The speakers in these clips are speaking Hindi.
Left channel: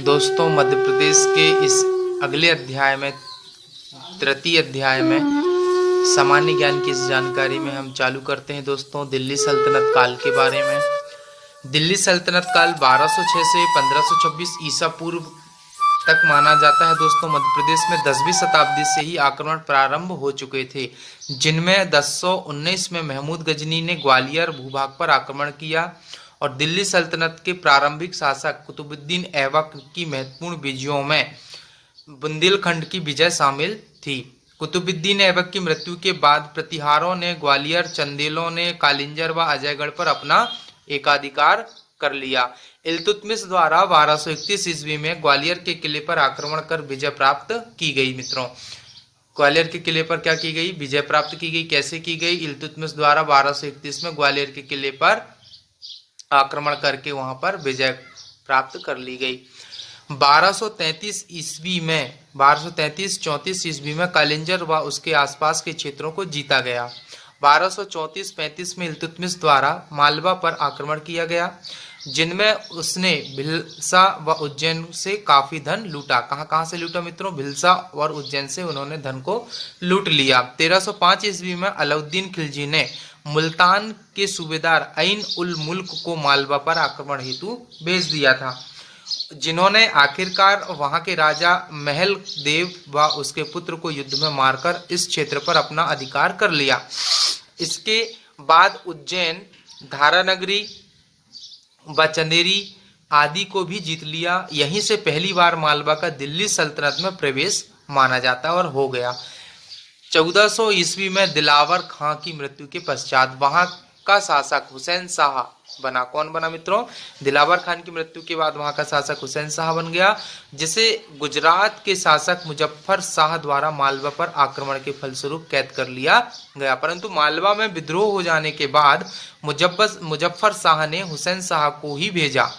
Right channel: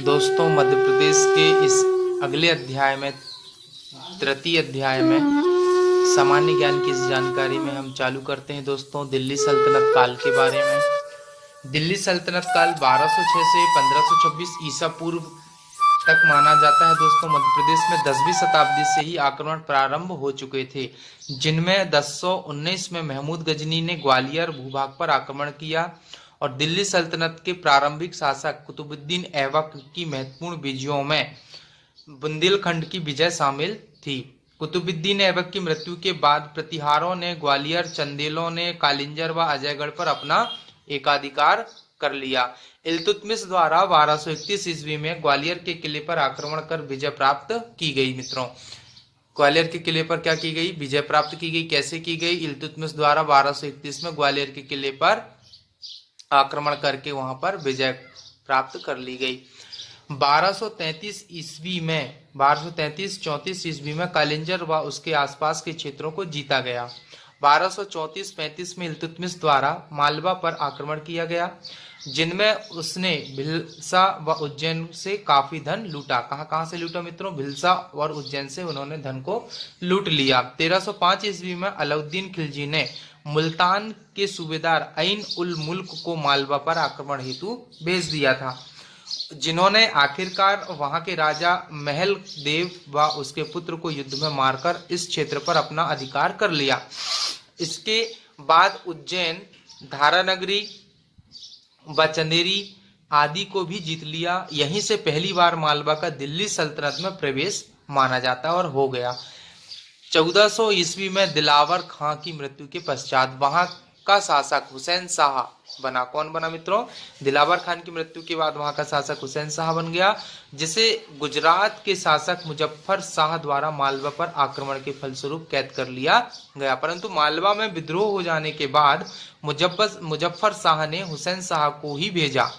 दोस्तों, मध्य प्रदेश के इस अगले अध्याय में, तृतीय अध्याय में सामान्य ज्ञान की इस जानकारी में हम चालू करते हैं दोस्तों दिल्ली सल्तनत काल के बारे में। दिल्ली सल्तनत काल 1206 से 1526 ईसा पूर्व तक माना जाता है दोस्तों। मध्य प्रदेश में 10वीं शताब्दी से ही आक्रमण प्रारंभ हो चुके थे, जिनमें 1019 में महमूद गजनी ने ग्वालियर भूभाग पर आक्रमण किया और दिल्ली सल्तनत के प्रारंभिक शासक कुतुबुद्दीन ऐबक की महत्वपूर्ण विजयों में बुंदेलखंड की विजय शामिल थी। कुतुबुद्दीन ऐबक की मृत्यु के बाद प्रतिहारों ने ग्वालियर, चंदेलों ने कालिंजर व अजयगढ़ पर अपना एकाधिकार कर लिया। इल्तुतमिश द्वारा 1231 ईस्वी में ग्वालियर के किले पर आक्रमण कर विजय प्राप्त की गई। मित्रों, ग्वालियर के किले पर क्या की गई? विजय प्राप्त की गई। कैसे की गई? इल्तुतमिश द्वारा 1231 में ग्वालियर के किले पर आक्रमण करके वहां पर विजय प्राप्त कर ली गई। 1233 ईस्वी में 1233-34 ईस्वी में कालिंजर व उसके आसपास के क्षेत्रों को जीता गया। 1234-35 में इल्तुतमिश द्वारा मालवा पर आक्रमण किया गया, जिनमें उसने भिलसा व उज्जैन से काफी धन लूटा। कहां से लूटा मित्रों? भिलसा और उज्जैन से उन्होंने धन को लूट लिया। 1305 ईस्वी में अलाउद्दीन खिलजी ने मुल्तान के सूबेदार ऐन उल मुल्क को मालवा पर आक्रमण हेतु भेज दिया था, जिन्होंने आखिरकार वहां के राजा महल देव व उसके पुत्र को युद्ध में मारकर इस क्षेत्र पर अपना अधिकार कर लिया। इसके बाद उज्जैन, धारानगरी व चंदेरी आदि को भी जीत लिया। यहीं से पहली बार मालवा का दिल्ली सल्तनत में प्रवेश माना जाता और हो गया। 1400 ईस्वी में दिलावर खां की मृत्यु के पश्चात वहां का शासक हुसैन शाह बना। कौन बना मित्रों? दिलावर खान की मृत्यु के बाद वहां का शासक हुसैन शाह बन गया, जिसे गुजरात के शासक मुजफ्फर शाह द्वारा मालवा पर आक्रमण के फलस्वरूप कैद कर लिया गया। परंतु मालवा में विद्रोह हो जाने के बाद मुजफ्फर शाह ने हुसैन शाह को ही भेजा,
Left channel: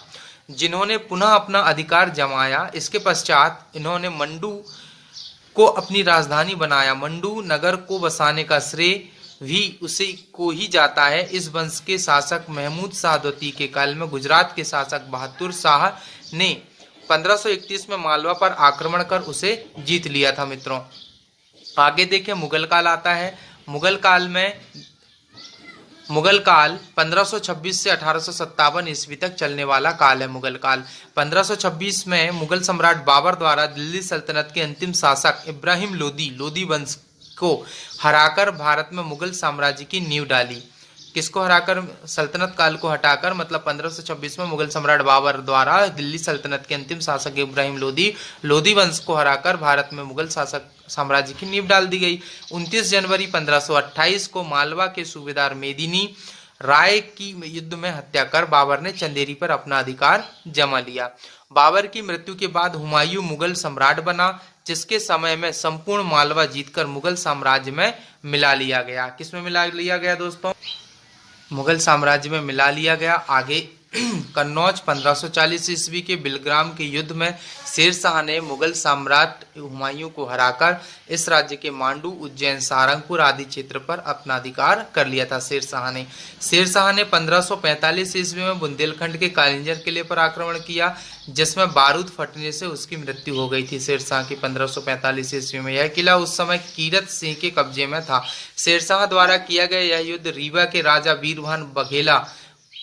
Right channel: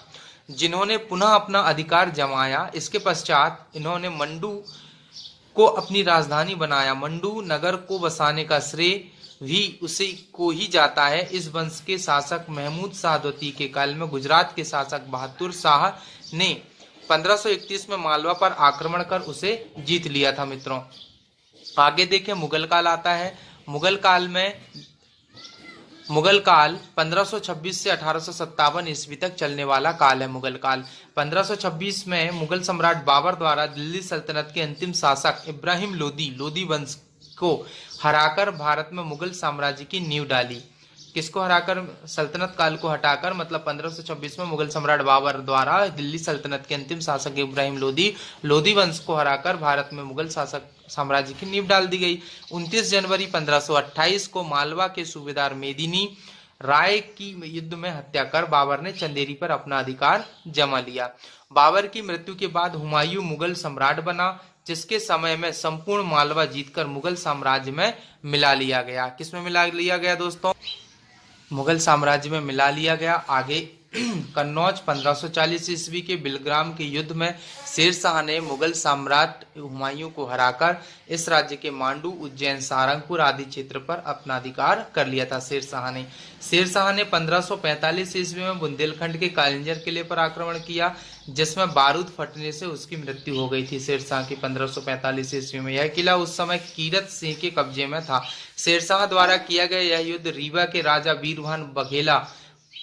जिन्होंने पुनः अपना अधिकार जमाया। इसके पश्चात इन्होंने मंडू को अपनी राजधानी बनाया। मंडू नगर को बसाने का श्रेय भी उसी को ही जाता है। इस वंश के शासक महमूद शाह द्वितीय के काल में गुजरात के शासक बहादुर शाह ने 1531 में मालवा पर आक्रमण कर उसे जीत लिया था। मित्रों, आगे देखें, मुगल काल आता है। मुगल काल 1526 से 1857 ईस्वी तक चलने वाला काल है। मुगल काल 1526 में मुगल सम्राट बाबर द्वारा दिल्ली सल्तनत के अंतिम शासक इब्राहिम लोदी वंश को हराकर भारत में मुगल साम्राज्य की नींव डाली। किसको हराकर? सल्तनत काल को हटाकर, मतलब 1526 में मुगल सम्राट बाबर द्वारा दिल्ली सल्तनत के अंतिम शासक इब्राहिम लोदी वंश को हराकर भारत में मुगल शासक साम्राज्य की नींव डाल दी गई। 29 जनवरी 1528 को मालवा के सूबेदार मेदिनी राय की युद्ध में हत्या कर बाबर ने चंदेरी पर अपना अधिकार जमा लिया। बाबर की मृत्यु के बाद हुमायूं मुगल सम्राट बना, जिसके समय में संपूर्ण मालवा जीतकर मुगल साम्राज्य में मिला लिया गया। किसमें मिला लिया गया दोस्तों? मुगल साम्राज्य में मिला लिया गया। आगे कन्नौज 1540 ईस्वी के बिलग्राम के युद्ध में शेर शाह ने मुगल सम्राट हुमायूं को हराकर इस राज्य के मांडू, उज्जैन, सारंगपुर आदि क्षेत्र पर अपना अधिकार कर लिया था। शेर शाह ने 1545 ईस्वी में बुंदेलखंड के कालिंजर किले पर आक्रमण किया, जिसमें बारूद फटने से उसकी मृत्यु हो गई थी। शेर शाह की 1545 ईस्वी में यह किला उस समय कीरत सिंह के कब्जे में था। शेर शाह द्वारा किया गया यह युद्ध रीवा के राजा वीरभान बघेला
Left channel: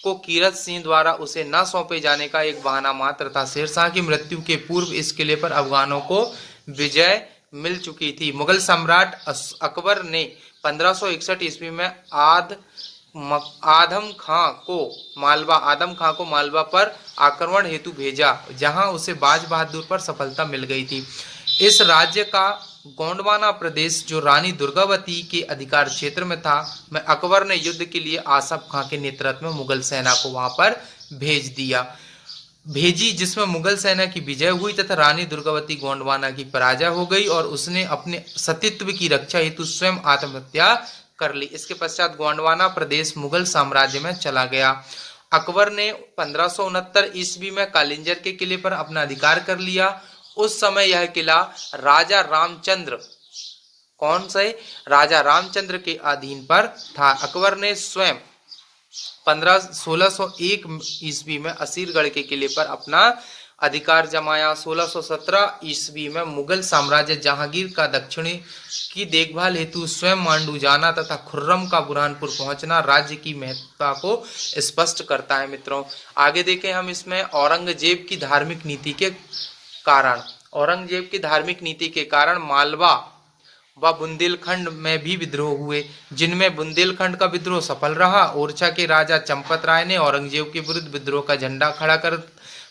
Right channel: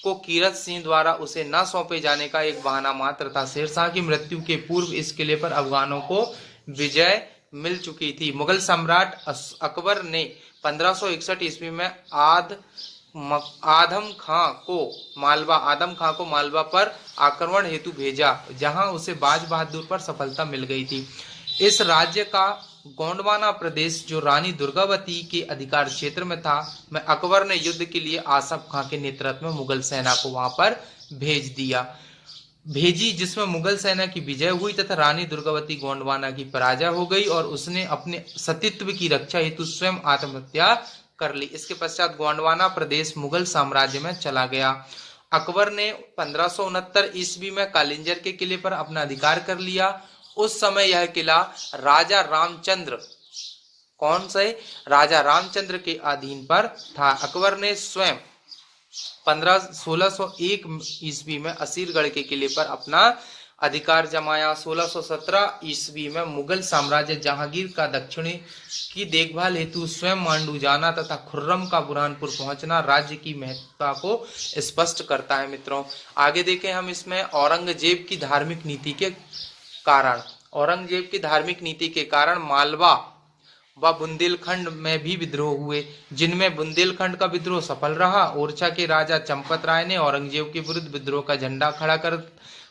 को कीरत सिंह द्वारा उसे न सौंपे जाने का एक बहाना मात्र था। शेर शाह की मृत्यु के पूर्व इस किले पर अफगानों को विजय मिल चुकी थी। मुगल सम्राट अकबर ने 1561 ईस्वी में आदम खां को मालवा पर आक्रमण हेतु भेजा, जहां उसे बाज बहादुर पर सफलता मिल गई थी। इस राज्य का गोंडवाना प्रदेश, जो रानी दुर्गावती के अधिकार क्षेत्र में था, में अकबर ने युद्ध के लिए आसफ खां के नेतृत्व में मुगल सेना को वहां पर भेजी, जिसमें मुगल सेना की विजय हुई तथा रानी दुर्गावती गोंडवाना की पराजय हो गई और उसने अपने सतीत्व की रक्षा हेतु स्वयं आत्महत्या कर ली। इसके पश्चात गोंडवाना प्रदेश मुगल साम्राज्य में चला गया। अकबर ने 1569 ईस्वी में कालिंजर के किले पर अपना अधिकार कर लिया। उस समय यह किला राजा रामचंद्र के अधीन पर था। अकबर ने स्वयं 1601 ईस्वी में असीरगढ़ के किले पर अपना अधिकार जमाया। 1617 ईस्वी में मुगल साम्राज्य जहांगीर का दक्षिणी की देखभाल हेतु स्वयं मांडू जाना तथा खुर्रम का बुरहानपुर पहुंचना राज्य की महत्ता को स्पष्ट करता है। मित्रों, आगे देखें हम इसमें औरंगजेब की धार्मिक नीति के कारण। औरंगजेब की धार्मिक नीति के कारण मालवा व बुंदेलखंड में भी विद्रोह हुए, जिनमें बुंदेलखंड का विद्रोह सफल रहा। ओरछा के राजा चंपत राय ने औरंगजेब के विरुद्ध विद्रोह का झंडा खड़ा कर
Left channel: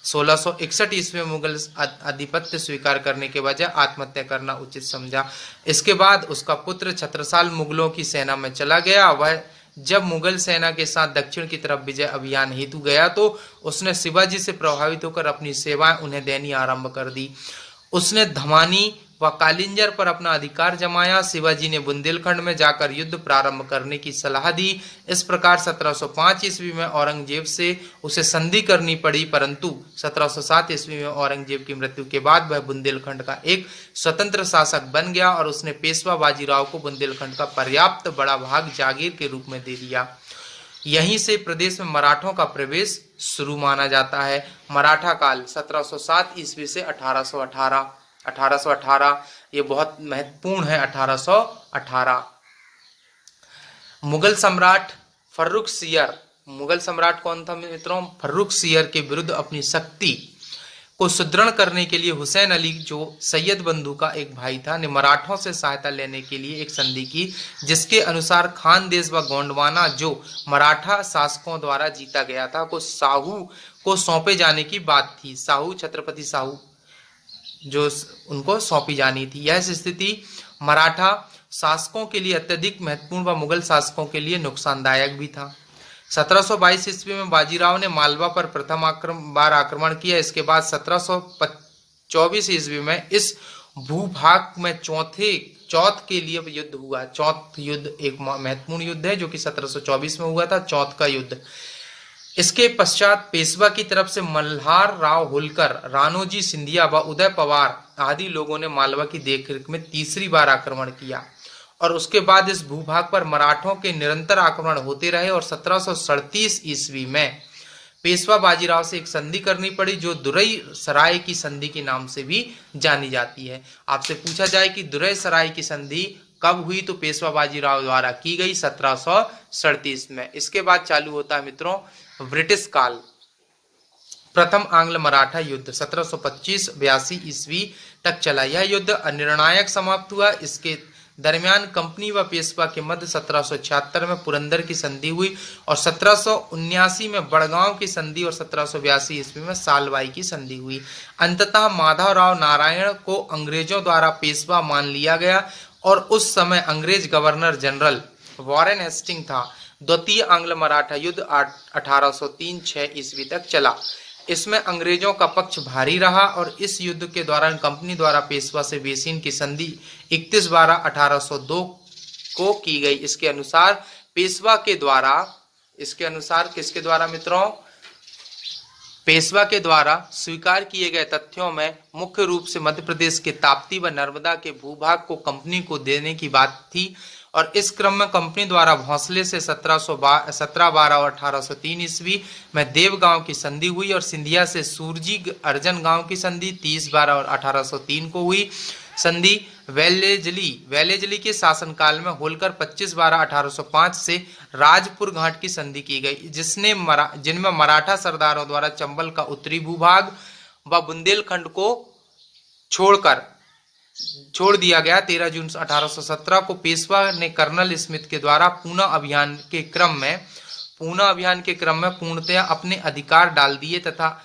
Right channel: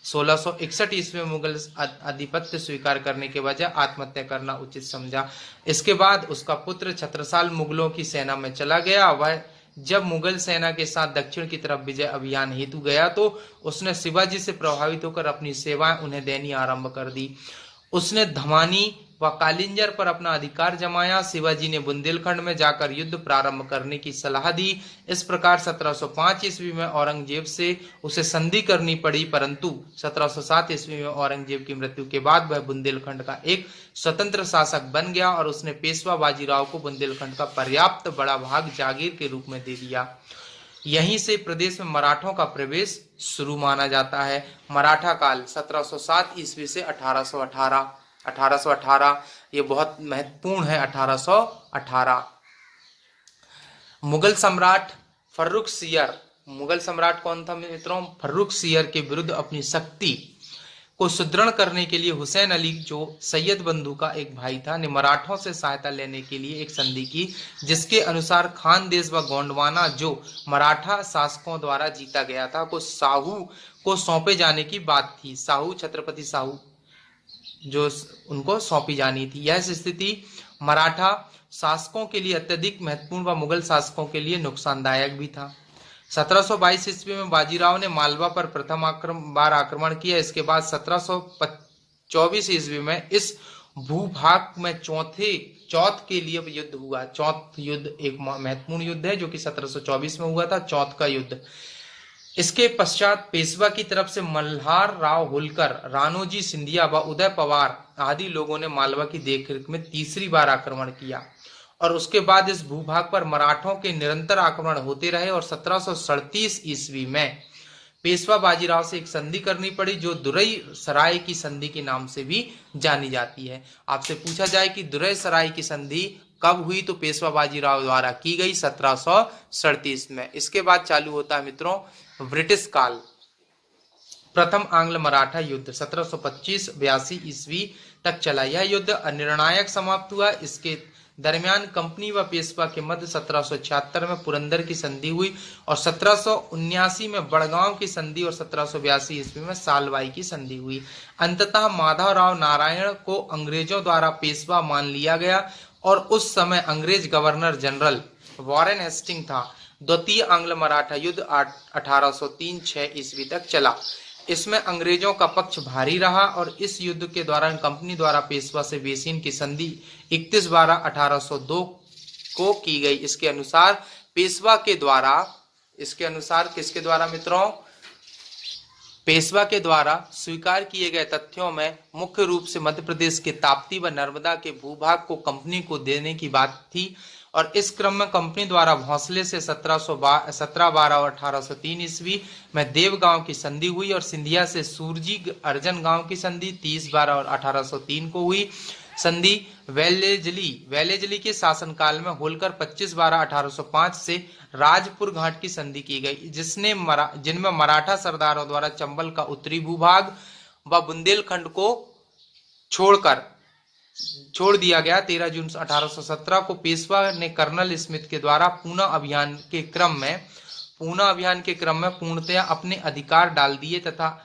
1661 ईस्वी में मुगल आधिपत्य स्वीकार करने के बजाय आत्महत्या करना उचित समझा। इसके बाद उसका पुत्र छत्रसाल मुगलों की सेना में चला गया। वह जब मुगल सेना के साथ दक्षिण की तरफ विजय अभियान हेतु गया तो उसने शिवाजी से प्रभावित होकर अपनी सेवाएं उन्हें देनी आरंभ कर दी। उसने धमानी व कालिंजर पर अपना अधिकार जमाया। शिवाजी ने बुंदेलखंड में जाकर युद्ध प्रारंभ करने की सलाह दी। इस प्रकार 1705 ईस्वी में औरंगजेब से उसे संधि करनी पड़ी, परंतु 1707 ईस्वी में औरंगजेब की मृत्यु के बाद वह बुंदेलखंड का एक स्वतंत्र शासक बन गया और उसने पेशवा बाजीराव को बुंदेलखंड का पर्याप्त बड़ा भाग जागीर के रूप में दे दिया। यहीं से प्रदेश में मराठों का प्रवेश शुरू माना जाता है। मराठा काल 1707 ईस्वी से 1818 ये बहुत महत्वपूर्ण है। 1818 मुगल सम्राट फर्रुखसियर, मुगल सम्राट कौन था मित्रों? फर्रुखसियर के विरुद्ध अपनी शक्ति को सुदृढ़ करने के लिए हुसैन अली, जो सैयद बंधु का एक भाई था, ने मराठों से सहायता लेने के लिए एक संधि की, जिसके अनुसार खानदेश व गोंडवाना, जो मराठा शासकों द्वारा जीता गया था, को साहू को सौंपे जाने की बात थी। साहू, छत्रपति साहू, जो उनको सौंपी जानी थी। यह स्थिति मराठा शासकों के लिए अत्यधिक महत्वपूर्ण व मुगल शासकों के लिए नुकसानदायक भी था। 1722 ईस्वी में बाजीराव ने मालवा पर प्रथम बार आक्रमण किया। इसके बाद 1724 ईस्वी में इस भूभाग में चौथ के लिए युद्ध हुआ। चौथ युद्ध एक महत्वपूर्ण युद्ध है जो कि 1724 में हुआ था, चौथ का युद्ध। इसके पश्चात पेशवा की तरफ से मल्हार राव होलकर, राणोजी सिंधिया व उदय पवार आदि लोगों ने मालवा की देखरेख में तीसरी बार आक्रमण किया और उसके बाद इस भूभाग पर मराठों के निरंतर आक्रमण होते रहे और 1737 ईस्वी में पेशवा बाजीराव से एक संधि करनी पड़ी, जो दुरई सराय की संधि के नाम से भी जानी जाती है। आपसे पूछा जाए कि दुरई सराय की संधि कब हुई, तो पेशवा बाजीराव द्वारा की गई 1737 में। इसके बाद चालू होता है मित्रों ब्रिटिश काल। प्रथम आंग्ल मराठा युद्ध 1725-82 ईस्वी तक चला। यह युद्ध अनिर्णायक समाप्त हुआ। इसके दरमियान कंपनी व पेशवा के मध्य 1776 में पुरंदर की संधि हुई और 1779 में बड़गांव की संधि और 1782 ईस्वी में सालवाई की संधि हुई। अंततः माधवराव नारायण को अंग्रेजों द्वारा पेशवा मान लिया गया और उस समय अंग्रेज गवर्नर जनरल वॉरेन हेस्टिंग था। द्वितीय आंग्ल मराठा युद्ध 1803-6 ईस्वी तक चला। इसमें अंग्रेजों का पक्ष भारी रहा और इस युद्ध के दौरान कंपनी द्वारा पेशवा से बेसिन की संधि 31/12/1802 को की गई। इसके अनुसार पेशवा के द्वारा, किसके द्वारा मित्रों? पेशवा के द्वारा स्वीकार किए गए तथ्यों में मुख्य रूप से मध्य प्रदेश के ताप्ती व नर्मदा के भूभाग को कंपनी को देने की बात थी और इस क्रम में कंपनी द्वारा भोंसले से 17/12/1803 ईस्वी में देवगांव की संधि हुई और सिंधिया से सूरजी अर्जन गांव की संधि 30/12/1803 को हुई। संधि वेलेजली के शासनकाल में होलकर 25/12/1805 से राजपुर घाट की संधि की गई, जिनमें मराठा सरदारों द्वारा चंबल का उत्तरी भूभाग व बुंदेलखंड को छोड़ दिया गया। 13 जून 1817 को पेशवा ने कर्नल स्मिथ के द्वारा पूना अभियान के क्रम में पूर्णतया अपने अधिकार डाल दिए तथा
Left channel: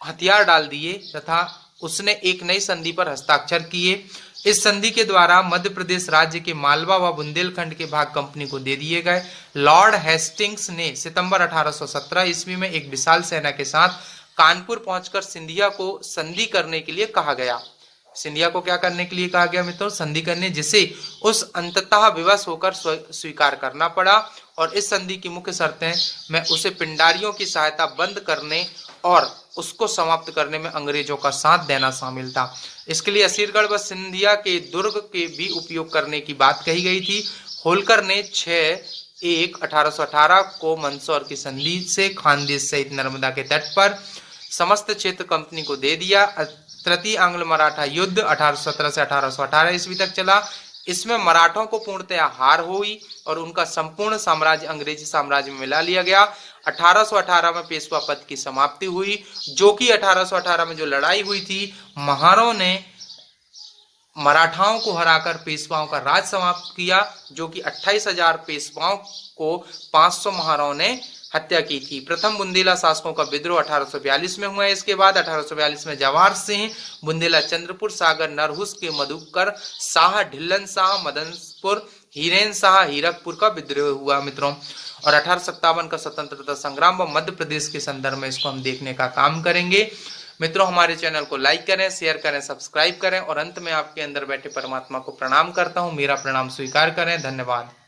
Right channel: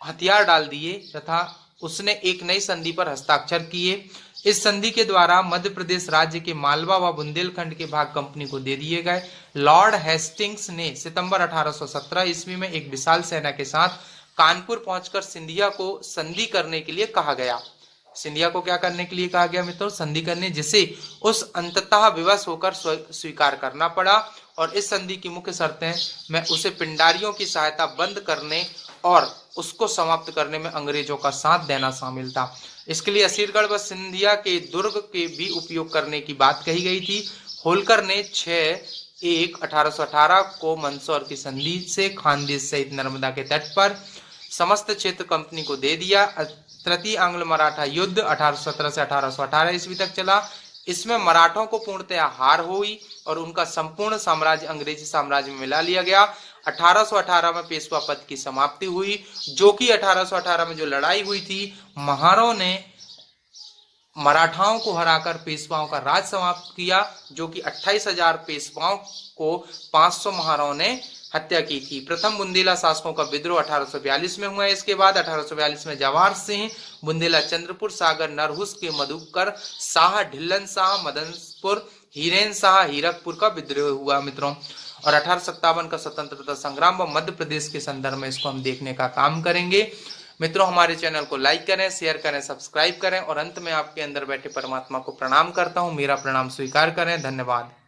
हथियार डाल दिए तथा उसने एक नई संधि पर हस्ताक्षर किए। इस संधि के द्वारा मध्य प्रदेश राज्य के मालवा व बुंदेलखंड के भाग कंपनी को दे दिए गए। लॉर्ड हेस्टिंग्स ने सितंबर 1817 ईस्वी में एक विशाल सेना के साथ कानपुर पहुंचकर सिंधिया को संधि करने के लिए कहा गया। सिंधिया को क्या करने के लिए कहा गया मित्रों? संधि करने, जिसे उस अंततः विवश होकर स्वीकार करना पड़ा और इस संधि की मुख्य शर्तें में उसे पिंडारियों की सहायता बंद करने और उसको समाप्त करने में अंग्रेजों का साथ देना शामिल था। इसके लिए असीरगढ़ व सिंधिया के दुर्ग के भी उपयोग करने की बात कही गई थी। होलकर ने 6/1/1818 को मंदसौर की संधि से खानदेश सहित नर्मदा के तट पर समस्त क्षेत्र कंपनी को दे दिया। तृतीय आंग्ल मराठा युद्ध 1817 से 1818 ईस्वी तक चला। इसमें मराठों को पूर्णतया हार हुई और उनका संपूर्ण साम्राज्य अंग्रेजी साम्राज्य में मिला लिया गया। 1818 में पेशवा पद की समाप्ति हुई, जो कि 1818 में जो लड़ाई हुई थी, महारों ने मराठाओं को हराकर पेशवाओं का राज समाप्त किया, जो कि 28,000 पेशवाओं को 500 महाराओं ने हत्या की थी। प्रथम बुंदेला शासकों का विद्रोह 1842 में हुआ। इसके बाद 1842 में जवाहर सिंह, बुंदेला चंद्रपुर, सागर नरहुस के मधुकर शाह, ढिल्लन शाह, मदनपुर, हीरेन शाह, हीरकपुर का विद्रोह हुआ मित्रों। और 1857 का स्वतंत्रता संग्राम व मध्य प्रदेश के संदर्भ में इसको हम देखने का काम करेंगे। मित्रों, हमारे चैनल को लाइक करें, शेयर करें, सब्सक्राइब करें और अंत में आपके अंदर बैठे परमात्मा को प्रणाम करता हूं। मेरा प्रणाम स्वीकार करें। धन्यवाद।